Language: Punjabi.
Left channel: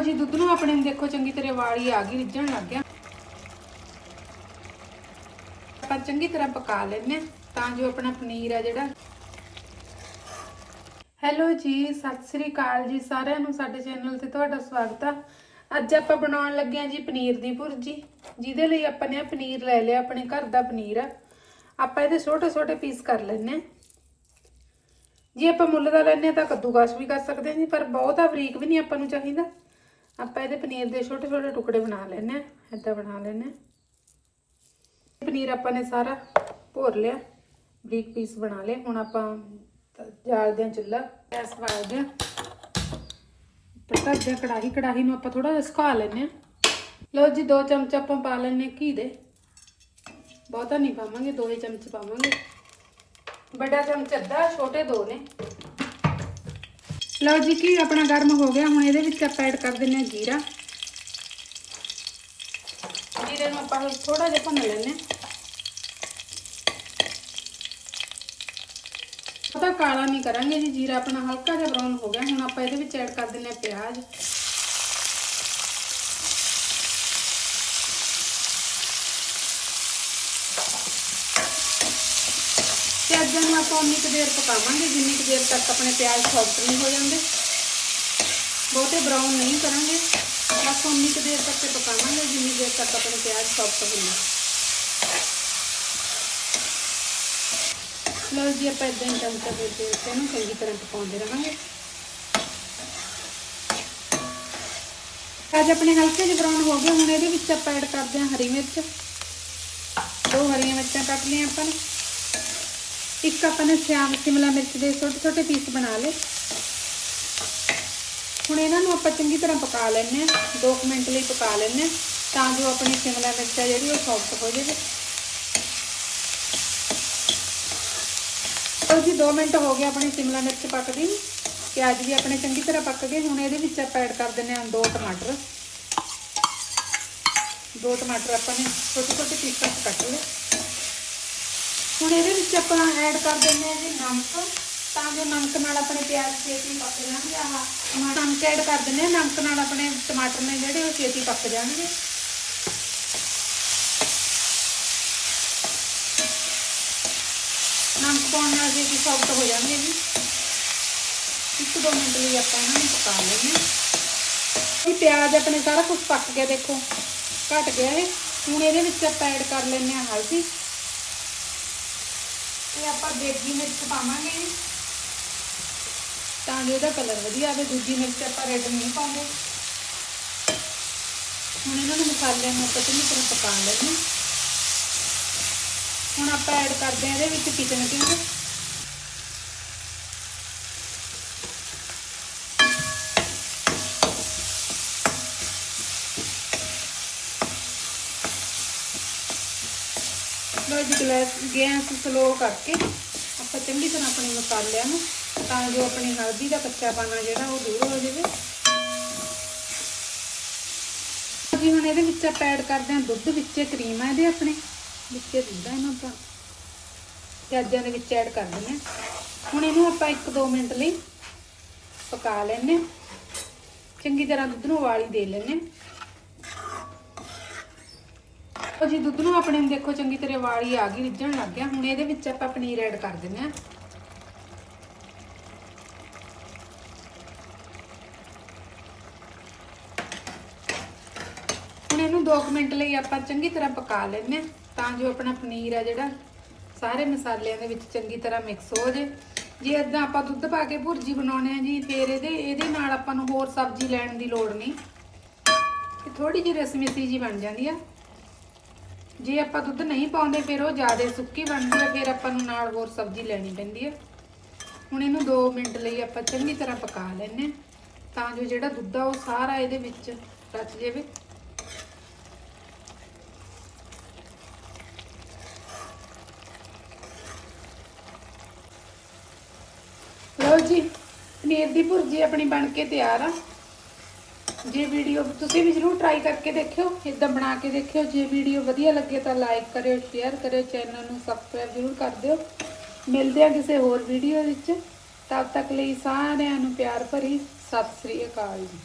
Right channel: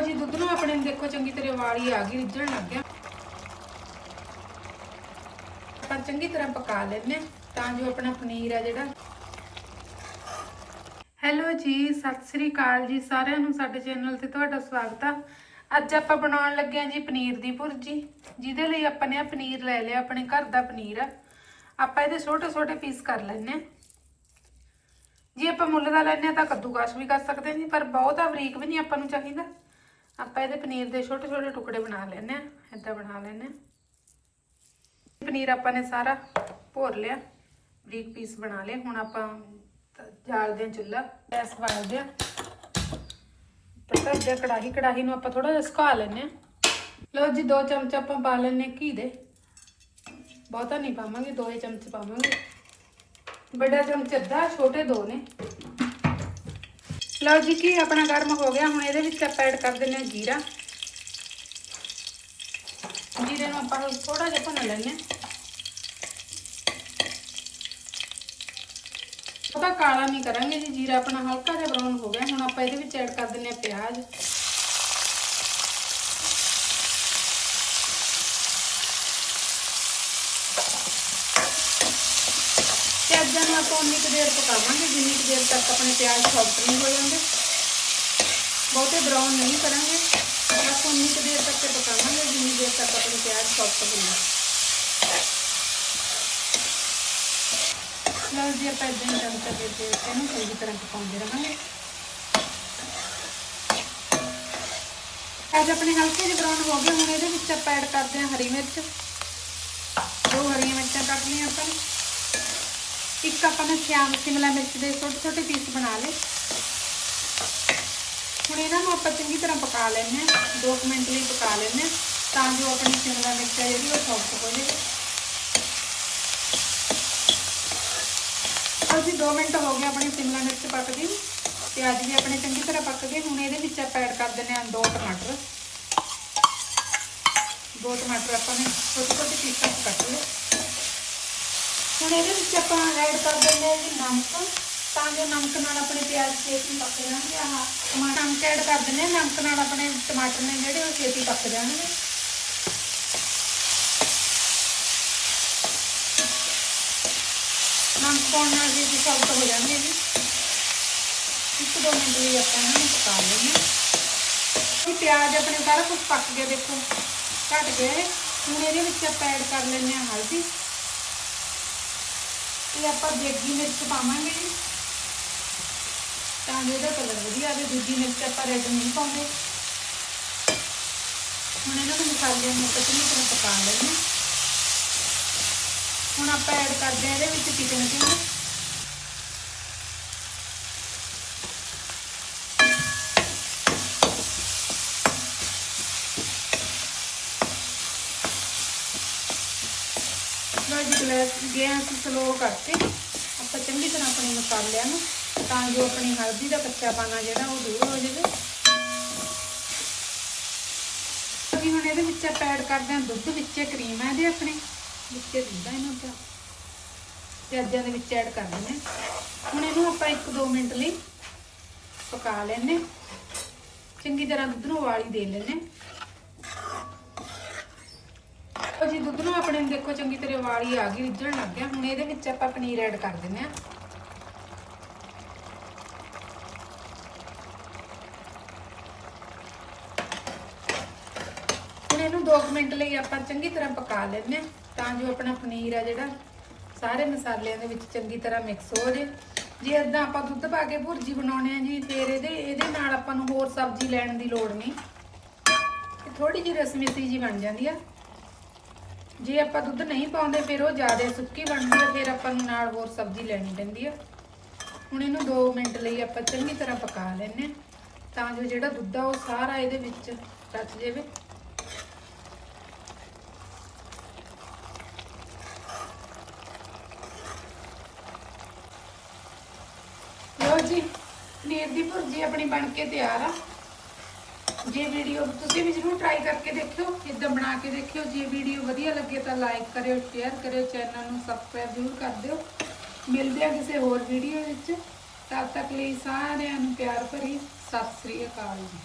ਜੀ, ਦੁੱਧ ਨੂੰ ਆਪਣੇ ਨੂੰ ਦੇਖੋ, ਚੰਗੀ ਤਰ੍ਹਾਂ ਵਾਲੀ ਆ ਗਈ, ਰਿੱਝਣ ਲੱਗ ਗਿਆ। ਆਪਾਂ ਚੰਗੀ ਤਰ੍ਹਾਂ ਪਕਾ ਲੈਣੇ ਤਾਂ ਜੋ ਆਪਣਾ ਪਨੀਰ ਆ ਜਿਹੜਾ। ਹੈਲੋ ਜੀ, ਸਤਿ ਸ੍ਰੀ ਅਕਾਲ ਜੀ, ਸਾਰਿਆਂ ਨੂੰ, ਸਾਡੇ ਚੈਨਲ ਤੇ ਤੁਹਾਡਾ ਸਵਾਗਤ ਆ। ਅੱਜ ਆਪਾਂ ਬਣਾਉਣ ਲੱਗੇ ਹਾਂ ਜੀ ਪਨੀਰ ਦੀ ਭੁਰਜੀ, ਜਿਹਦੇ ਲਈ ਆਪਾਂ ਨੇ ਪਨੀਰ ਲੈ ਲਿਆ, ਆਪਣੇ ਘਰ ਦਾ ਪਨੀਰ ਆ। ਆਪਾਂ ਇਹਦੇ ਛੋਟੇ ਛੋਟੇ ਪੀਸ ਕਰ ਲੈਣੇ ਜੇ ਆਪਾਂ ਮੁੱਲ ਦਾ ਲੈਣੇ ਆ ਤਾਂ ਕੱਦੂਕਸ ਵੀ ਕਰ ਸਕਦੇ ਹਾਂ ਜੀ, ਪਰ ਬਹੁਤਾ ਬਰੀਕ ਵੀ ਨਹੀਂ ਆਪਾਂ ਨੂੰ ਚਾਹੀਦਾ। ਆਪਾਂ ਇਹਦੇ ਪਨੀਰ ਦੇ ਛੋਟੇ ਛੋਟੇ ਟੁਕੜੇ ਬਣਾ ਲੈਣੇ ਆ ਏਦਾਂ ਬਣਾ ਲੈਣੇ ਆ ਪਨੀਰ ਆਪਾਂ ਨੇ ਸਾਰਾ ਭੋਰ ਲਿਆ, ਬਰੀਕ ਪੀਸ ਬਣਾ ਲਏ। ਹੁਣ ਆਪਾਂ ਜਾਲਦੇ ਹਾਂ ਚੁੱਲ੍ਹਾ, ਗੈਸ ਬਾਲ ਦਿਆ ਪਤਾ ਦਿਆ ਕੜਾਹੀ ਕੜਾਹੀ ਨੂੰ ਆਪਾਂ ਥੋੜਾ ਸੁਕਾ ਲੈਨੇ ਆ ਲਓ ਜੀ, ਦੋ ਚਮਚ ਆਪਾਂ ਪਾ ਲੈਨੇ ਘੀ ਦੇ। ਬਹੁਤਾ ਨਹੀਂ ਪਾਵਾਂਗੇ, ਦੋ ਹੀ ਚਮਚ ਪਾਵਾਂਗੇ। ਵੱਡਾ ਚਮਚ ਅੱਧਾ, ਛੋਟੇ ਦੋ ਨੇ। ਲਓ ਜੀ, ਕੀ ਆਪਣਾ ਗਰਮ ਹੋ ਗਿਆ? ਹੁਣ ਇਹਦੇ ਵਿੱਚ ਆਪਾਂ ਐਡ ਕਰ ਦਿੰਨੇ ਜੀਰਾ। ਜੀਰੇ ਨੂੰ ਆਪਾਂ ਥੋੜਾ ਜਿਹਾ ਭੁੰਨ ਲੈਣੇ ਉਹਦਾ ਕਾਲਾ ਨਹੀਂ ਕਰਾਂਗੇ ਜੀ, ਜੀਰਾ ਆਪਣਾ ਹਲਕਾ ਜਿਹਾ ਬਰਾਊਨ ਹੋ ਗਿਆ। ਹੁਣ ਆਪਾਂ ਇਹਦੇ ਵਿੱਚ ਐਡ ਕਰ ਦਿੰਨੇ ਪਿਆਜ਼। ਪਿਆਜ਼ਾਂ ਨੂੰ ਆਪਾਂ ਉਨੀ ਕੁ ਦੇਰ ਪਕਾਵਾਂਗੇ, ਜਿੰਨੀ ਕੁ ਦੇਰ ਤੱਕ ਆਪਣੇ ਪਿਆਜ਼ ਸੌਫਟ ਨਹੀਂ ਹੋ ਜਾਂਦੇ। ਬਹੁਤੇ ਬਰਾਊਨ ਨਹੀਂ ਕਰਾਂਗੇ। ਬਸ ਉਨੀ ਕੁ ਦੇਰ ਤੱਕ ਪਕਾਵਾਂਗੇ, ਜਿੰਨੀ ਦੇਰ ਤੱਕ ਆਪਣੇ ਪਿਆਜ਼ ਸੌਫਟ ਹੁੰਦੇ ਲਓ ਜੀ, ਆਪਾਂ ਇਦਾਂ ਹੀ ਚਮਚਾ ਦੇ ਦੇ ਇਹਨੂੰ ਚੰਗੀ ਤਰ੍ਹਾਂ ਪਕਾਉਂਦੇ ਰਹਾਂਗੇ। ਅੱਜ ਆਪਣੇ ਹਲਕੇ ਜਿਹੇ ਬਰਾਊਨ ਹੋ ਗਏ, ਹੁਣ ਇਹਦੇ ਵਿੱਚ ਆਪਾਂ ਐਡ ਕਰਦੇ ਹਾਂ ਹਰੀ ਮਿਰਚ। ਦੋ ਹਰੀਆਂ ਮਿਰਚਾਂ ਕੱਟ ਲਈਆਂ ਆਪਾਂ ਨੇ। ਇੱਕ ਆਪਾਂ ਨੇ ਸ਼ਿਆਮ ਸ਼ਿਮਲਾ ਮਿਰਚ ਦੇ ਛੋਟੇ ਛੋਟੇ ਪੀਸ ਬਣਾ ਲਏ। ਹੁਣ ਇਹਨਾਂ ਨੂੰ ਆਪਾਂ ਚੰਗੀ ਤਰ੍ਹਾਂ ਪਕਾ ਲੈਣੇ ਆ 2 ਮਿੰਟ ਲਈ ਪਕਾ ਲੈਣੇ ਆ ਤਾਂ ਜੋ ਆਪਣੀ ਸ਼ਿਮਲਾ ਮਿਰਚ ਹੈ ਜਿਹੜੀ ਉਹ ਸੌਫਟ ਹੋ ਜਾਵੇ। ਲਓ ਜੀ 2 ਮਿੰਟ ਹੋ ਗਏ ਆਪਣੀ ਸ਼ਿਮਲਾ ਮਿਰਚ ਪੱਕ ਗਈ। ਪਿਆਜ਼ ਵੀ ਆਪਣੇ ਚੰਗੀ ਤਰ੍ਹਾਂ ਪੱਕ ਗਏ। ਹੁਣ ਇਹਦੇ ਵਿੱਚ ਆਪਾਂ ਐਡ ਕਰ ਦਿੰਦੇ ਹਾਂ ਦੋ ਟਮਾਟਰ। ਦੋ ਟਮਾਟਰ ਆਪਾਂ ਨੇ ਛੋਟੇ ਛੋਟੇ ਪੀਸਾਂ 'ਚ ਕੱਟ ਲਏ। ਹੁਣ ਇਹਦੇ ਵਿੱਚ ਆਪਾਂ ਐਡ ਕਰ ਦਿੰਦੇ ਹਾਂ ਜੀ ਨਮਕ। ਤਾਂ ਜੋ ਨਮਕ ਨਾਲ ਆਪਣੇ ਪਿਆਜ਼ ਛੇਤੀ ਪੱਕ ਜਾਣਗੇ ਆਹ ਟਮਾਟਰ ਨਮਕ ਐਡ ਕਰ ਦਿੰਦੇ ਹਾਂ। ਨਮਕ ਨਾਲ ਆਪਣੇ ਟਮਾਟਰ ਨੇ ਜਿਹੜੇ ਉਹ ਛੇਤੀ ਪੱਕ ਜਾਣਗੇ। ਨਮਕ ਪਾਉਣ ਨਾਲ ਜੀ ਇਹ ਸੌਫਟ ਹੋ ਜਾਣਗੇ ਜੀ। ਇੱਕ ਦੋ ਮਿੰਟ ਲਈ ਆਪਾਂ ਇਹਨਾਂ ਨੂੰ ਪਕਾ ਲੈਂਦੇ ਪਿਆਜ਼ ਆਪਣੇ ਸਾਰਾ ਕੁਝ ਪੱਕ ਗਿਆ, ਦੇਖੋ। ਘਟ ਗਿਆ ਹੁਣ ਇਹਦੇ ਵਿੱਚ ਆਪਾਂ ਐਡ ਕਰ ਲੈਂਦੇ ਹਾਂ ਹਲਦੀ। ਇਹ ਆਪਾਂ ਦੇਗੀ ਮਿਰਚ ਪਾਵਾਂਗੇ। ਤਾਂ ਜੋ ਇਹਦਾ ਕਲਰ ਵਧੀਆ ਆਵੇ, ਦੂਜੀ ਮਿਰਚ ਆਪਾਂ ਰੈੱਡ ਨਹੀਂ ਪਾਉਂਦੇ। ਹੁਣ ਇਹਨਾਂ ਨੂੰ ਮਸਾਲਿਆਂ ਨੂੰ ਆਪਾਂ ਚੰਗੀ ਤਰ੍ਹਾਂ ਪਕਾ ਲੈਂਦੇ ਹੁਣ ਆਪਾਂ ਐਡ ਕਰਦੇ ਹਾਂ ਇਹਦੇ ਵਿੱਚ ਚਿਕਨ ਕਿੰਗ ਜੀ ਗੈਸ ਗੈਸ ਸਲੋ ਕਰਕੇ। ਆਪਾਂ ਚੰਗੀ ਤਰ੍ਹਾਂ ਆਪਣੇ ਮਸਾਲਿਆਂ ਨੂੰ, ਤਾਂ ਜੋ ਆਪਣੀ ਹਲਦੀ ਦਾ ਕੱਚਾ ਪਾਣਾ ਜਿਹੜਾ, ਉਹ ਦੂਰ ਹੋ ਜਾਵੇ। ਜੀ ਹੁਣ ਇਹਦੇ ਵਿੱਚ ਆਪਾਂ ਐਡ ਕਰਦੇ ਹਾਂ ਦੁੱਧ ਵਿੱਚ, ਕਰੀਮ ਹੈ ਇਹਦੇ ਆਪਣੇ। ਵਿੱਚ ਦੁੱਧ ਇਹਨਾਂ ਦਾ ਪਿਆਜ਼ਾਂ ਦੇ ਵਿੱਚ ਐਡ ਕਰ ਦਿੰਦੇ ਹਾਂ। ਹੁਣ ਇਹਨੂੰ ਆਪਾਂ 1-2 ਮਿੰਟ ਲਈ ਪਕਾ ਲੈਣੇ ਚੰਗੀ ਤਰ੍ਹਾਂ ਦੁੱਧ ਨੂੰ ਉਬਾਲੀ ਦੇ ਲੈਣੇ ਉਹ ਜੀ ਦੁੱਧ ਨੂੰ ਆਪਣੇ ਨੂੰ ਦੇਖੋ, ਚੰਗੀ ਤਰ੍ਹਾਂ ਵਾਲੀ ਆ ਗਈ, ਰਿੱਝਣ ਲੱਗ ਗਿਆ। ਹੁਣ ਇਹਦੇ ਵਿੱਚ ਆਪਾਂ ਪਨੀਰ ਐਡ ਕਰ ਦਿੰਦੇ ਆ ਹੁਣ ਇਹਨੂੰ 2 ਮਿੰਟ ਲਈ ਆਪਾਂ ਚੰਗੀ ਤਰ੍ਹਾਂ ਪਕਾ ਲੈਂਦੇ ਆ ਤਾਂ ਜੋ ਆਪਣਾ ਪਨੀਰ ਆ ਜਿਹੜਾ, ਸਾਰੇ ਮਸਾਲਿਆਂ ਦੇ ਵਿੱਚ ਚੰਗੀ ਤਰ੍ਹਾਂ ਮਿਕਸ ਹੋ ਜੇ ਜੇ ਇਦਾਂ ਆਪਾਂ ਦੁੱਧ ਪਾ ਕੇ ਭੁਰਜੀ ਬਣਾਉਣੇ ਆ ਜੀ, ਫਿਰ ਇਹਦੇ ਇਹਦੇ ਨਾਲ ਆਪਾਂ ਨੂੰ ਹੋਰ ਸਬਜ਼ੀ ਲੈਣ ਦੀ ਲੋੜ ਨਹੀਂ। ਥੋੜੀ ਜਿਹੀ ਰਸਮੀਤੀ ਜੀ ਬਣ ਜਾਂਦੀ ਆ। ਜੇ ਆਪਾਂ ਦੁੱਧ ਨਹੀਂ ਪਾਉਂਦੇ, ਫਿਰ ਉਹ ਜ਼ਿਆਦਾ ਸੁੱਕੀ ਬਣਦੀ ਹੈ, ਫਿਰ ਆਪਾਂ ਨੂੰ ਨਾਲ ਹੋਰ ਸਬਜ਼ੀ ਲੈਣੀ ਪੈਂਦੀ ਹੈ। ਹੁਣ ਇਹਨੂੰ 2 ਮਿੰਟ ਲਈ ਆਪਾਂ ਚੰਗੀ ਤਰ੍ਹਾਂ ਪਕਾ ਲੈਣੇ ਤਾਂ ਜੋ ਜਿਹੜਾ ਦੁੱਧ ਆ, ਉਹ ਸਾਰਾ ਇਹਦੇ ਵਿੱਚ ਰਚ ਜਾਵੇ। ਲਓ ਜੀ, ਪਨੀਰ ਦੀ ਭੁਰਜੀ ਆਪਣੀ ਬਣ ਕੇ ਤਿਆਰ ਆ। ਜੇ ਵੀਡੀਓ ਤੁਸੀਂ ਵੀ ਜਰੂਰ ਟਰਾਈ ਕਰਕੇ ਦੇਖਿਓ ਇਦਾਂ ਬਣਾ ਕੇ ਦੇਖਿਓ। ਜੇ ਵੀਡੀਓ ਵਧੀਆ ਲੱਗੇ ਤਾਂ ਲਾਈਕ ਕਰਿਓ ਸ਼ੇਅਰ ਕਰਿਓ ਚੈਨਲ ਨੂੰ ਸਬਸਕ੍ਰਾਈਬ ਜ਼ਰੂਰ ਕਰ ਦਿਓ। ਮਿਲਦੇ ਆ ਕਿਸੇ ਹੋਰ ਵੀਡੀਓ ਵਿੱਚ। ਤਦ ਤੱਕ ਲਈ ਸਾਰਿਆਂ ਨੂੰ ਪਿਆਰ ਭਰੀ। ਸਤਿ ਸ੍ਰੀ ਅਕਾਲ ਜੀ।